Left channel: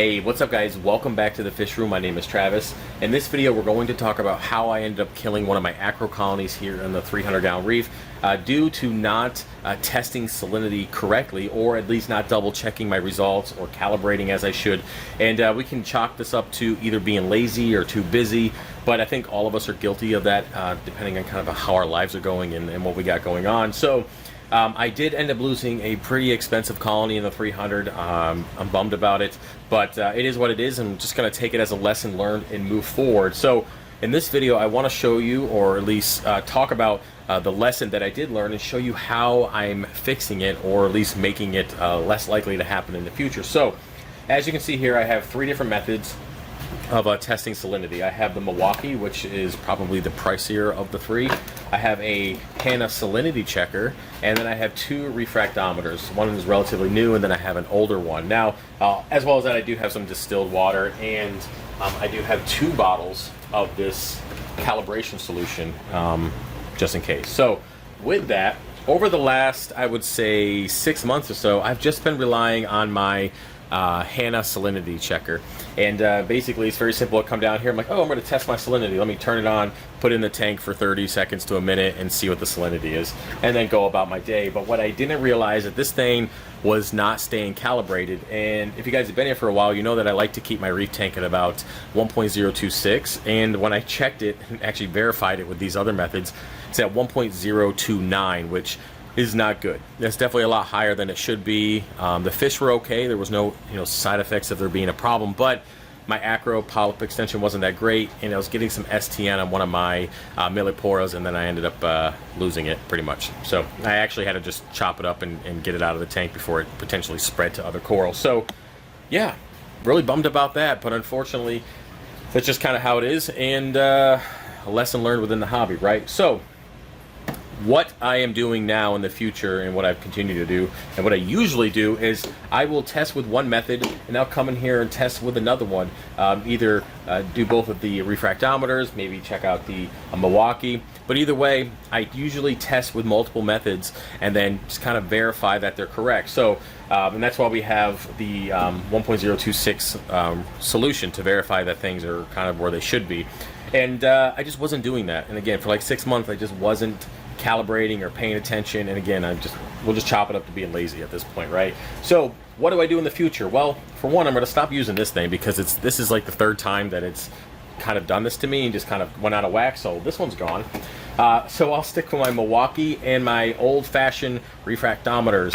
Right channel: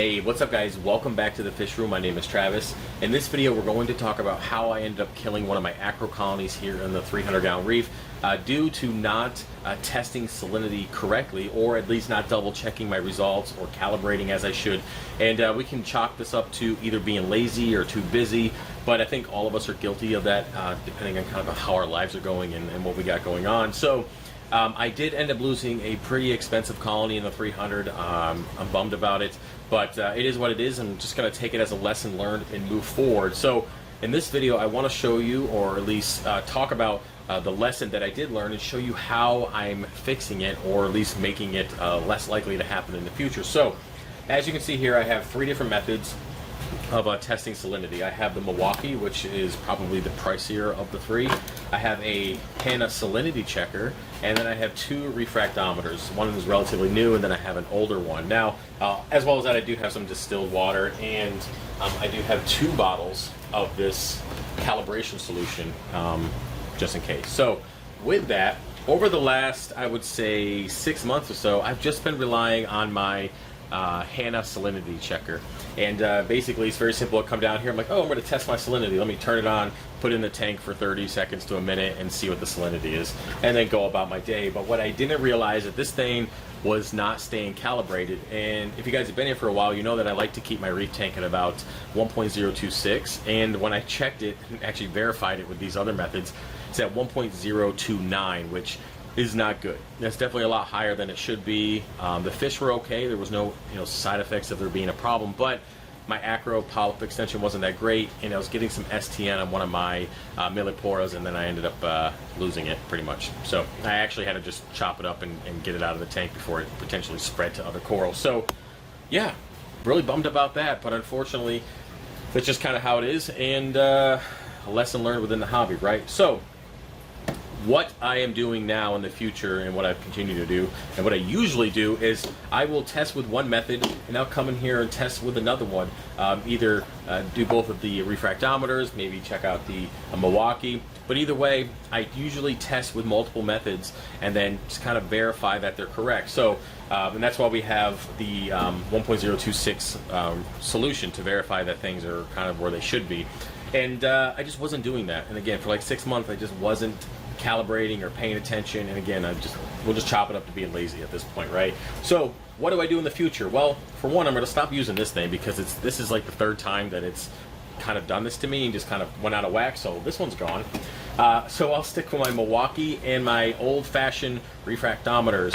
Hey, what's up guys? Welcome back to the Fish Room. My name is Travis. In this video we're going to talk about how I ended up killing one of my acro colonies here in the 300-gallon reef due to not testing salinity correctly, or at least not double checking my results or calibrating as I should. And we can chalk this up to either being lazy or too busy, but I think all of us are guilty of that depending on kind of how our lives are going and what we got going on. So I did end up losing a pretty expensive colony in the 300. I'm bummed about it, but it is what it is, and I'm just going to take it as a lesson learned and move forward. So in this video, I want to show you, or at least talk about the lesson that I did learn and show you how I'm fixing it, or at least making it less likely to happen in the future. So as you can see here, I have three different methods of testing salinity. I have the Milwaukee, which is probably the pricier of the three. I have a Hannah salinity checker, and then I have two refractometers. One is relatively new, and then I have an older one. Now, as well as that, I do have some distilled water, and I do have 2 bottles of this calibration solution, just in case. So with that, over the last, I would say 6 months or so, I've just been relying on my Hannah salinity checker, and basically it's very simple. I come down here, I'm like, oh, I'm going to test my salinity. Let me turn it on, put it in the tank for 30 seconds to a minute and see what the salinity is, and then go about my day. But what I didn't realize that this thing was not staying calibrated. And if you guys have been here for a while, you know that I like to keep my reef tank at about 1.026, and when I checked it and actually verified it with these other methods, it's at 1.029, which is not good. That's definitely a lot higher than it should be. The fish were okay. There was no side effects of there being a problem, but my acro polyp extension wasn't that great, and I was getting some STN on one of my milliporas, and then I ended up losing it pretty much. So I actually had to just chop it up and get it out of the tank before it potentially spread to other corals. So yeah, really bummed about that, but unfortunately that's just kind of how it is, and a lesson learned within the hobby, right? So what I am doing now in the future, and what I've continued to do, and what I usually do, is I will test with one method, and I'll come in here and test with another one. Either do both of the refractometers, maybe check out the Milwaukee, but either way, I usually test with multiple methods and then just kind of verify that they're correct. So, and that's why we have the 1.026 solution to verify that things are kind of where they should be. And I just wasn't doing that. And again, for like 6 months, I just wasn't calibrating or paying attention, and again, we'll just chop it up to being lazy at this point, right? So what do I do in the future? Well, for one, I'm going to stop using this thing, because this is like the 3rd time that it's kind of done this to me and just kind of went out of whack, so this one's gone. So I'll stick with my Milwaukee and my old-fashioned refractometers.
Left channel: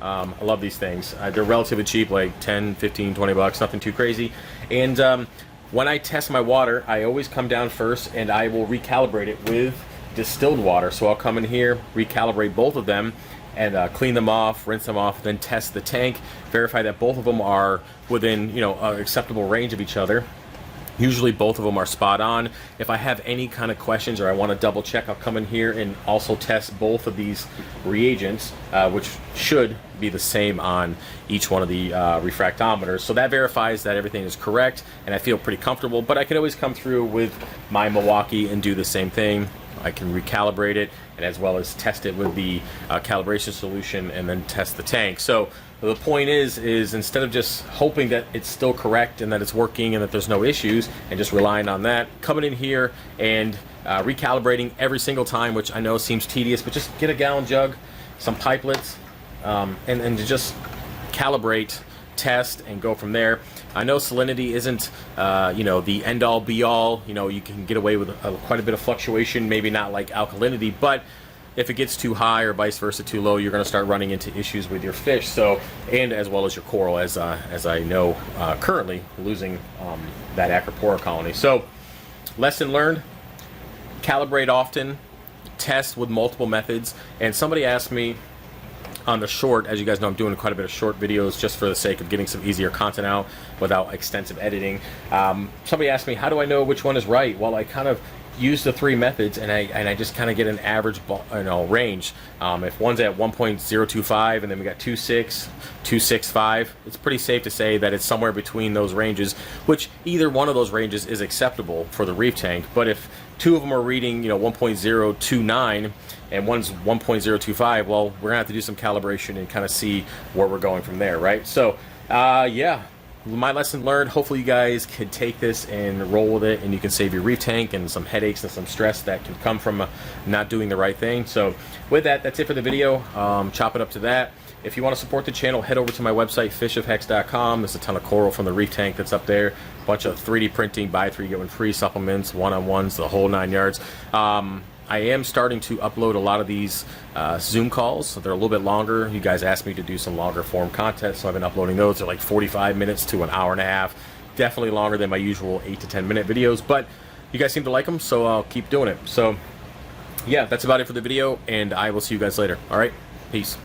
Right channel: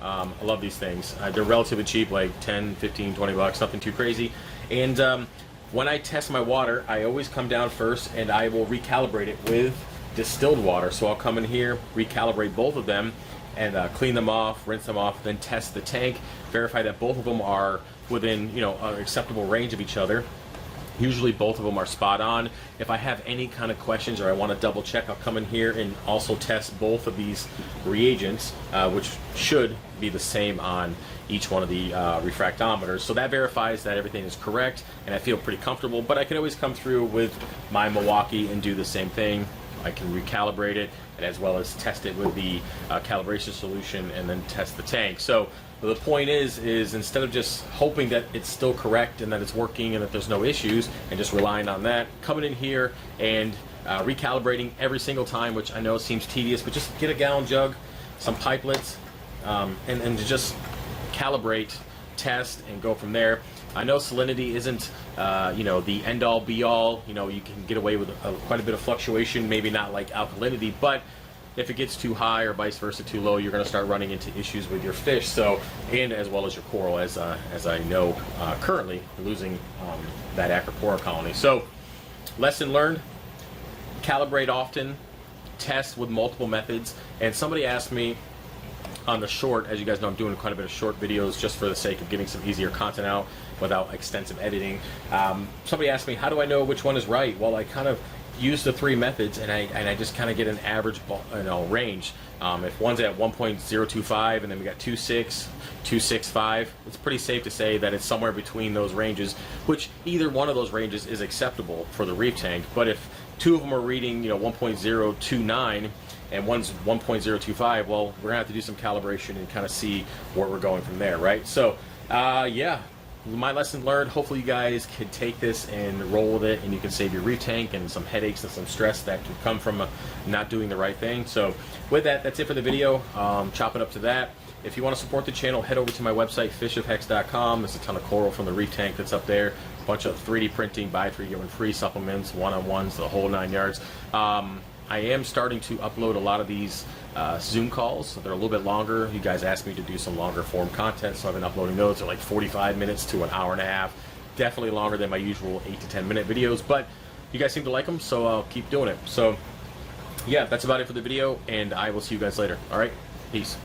I love these things. They're relatively cheap, like 10, 15, 20 bucks, nothing too crazy. And when I test my water, I always come down first and I will recalibrate it with distilled water. So I'll come in here, recalibrate both of them, and clean them off, rinse them off, then test the tank, verify that both of them are within an acceptable range of each other. Usually both of them are spot on. If I have any kind of questions or I want to double check, I'll come in here and also test both of these reagents, which should be the same on each one of the refractometers. So that verifies that everything is correct, and I feel pretty comfortable. But I can always come through with my Milwaukee and do the same thing. I can recalibrate it, and as well as test it with the calibration solution, and then test the tank. So the point is instead of just hoping that it's still correct and that it's working and that there's no issues and just relying on that, coming in here and recalibrating every single time, which I know seems tedious, but just get a gallon jug, some pipelets, and just calibrate, test, and go from there. I know salinity isn't the end-all be-all. You can get away with quite a bit of fluctuation, maybe not like alkalinity, but if it gets too high or vice versa too low, you're going to start running into issues with your fish. So, and as well as your coral, as I know currently losing that acropora colony. So lesson learned: calibrate often, test with multiple methods. And somebody asked me on the short, as you guys know, I'm doing quite a bit of short videos just for the sake of getting some easier content out without extensive editing. Somebody asked me, how do I know which one is right? Well, I kind of use the 3 methods, and I just kind of get an average range. If one's at 1.025 and then we got 2.6, 2.65, it's pretty safe to say that it's somewhere between those ranges, which either one of those ranges is acceptable for the reef tank. But if 2 of them are reading 1.029 and one's 1.025, well, we're gonna have to do some calibration and kind of see where we're going from there, right? So yeah, my lesson learned. Hopefully you guys could take this and roll with it, and you can save your reef tank and some headaches and some stress that can come from not doing the right thing. So with that, that's it for the video. Chop it up to that. If you want to support the channel, head over to my website, fishofhex.com. There's a ton of coral from the reef tank that's up there. A bunch of 3D printing, buy 3, get 1 free supplements, one-on-ones, the whole 9 yards. I am starting to upload a lot of these Zoom calls. So they're a little bit longer. You guys asked me to do some longer form content, so I've been uploading those. They're like 45 minutes to an hour and a half. Definitely longer than my usual 8 to 10 minute videos, but you guys seem to like them, so I'll keep doing it. So yeah, that's about it for the video, and I will see you guys later. All right, peace.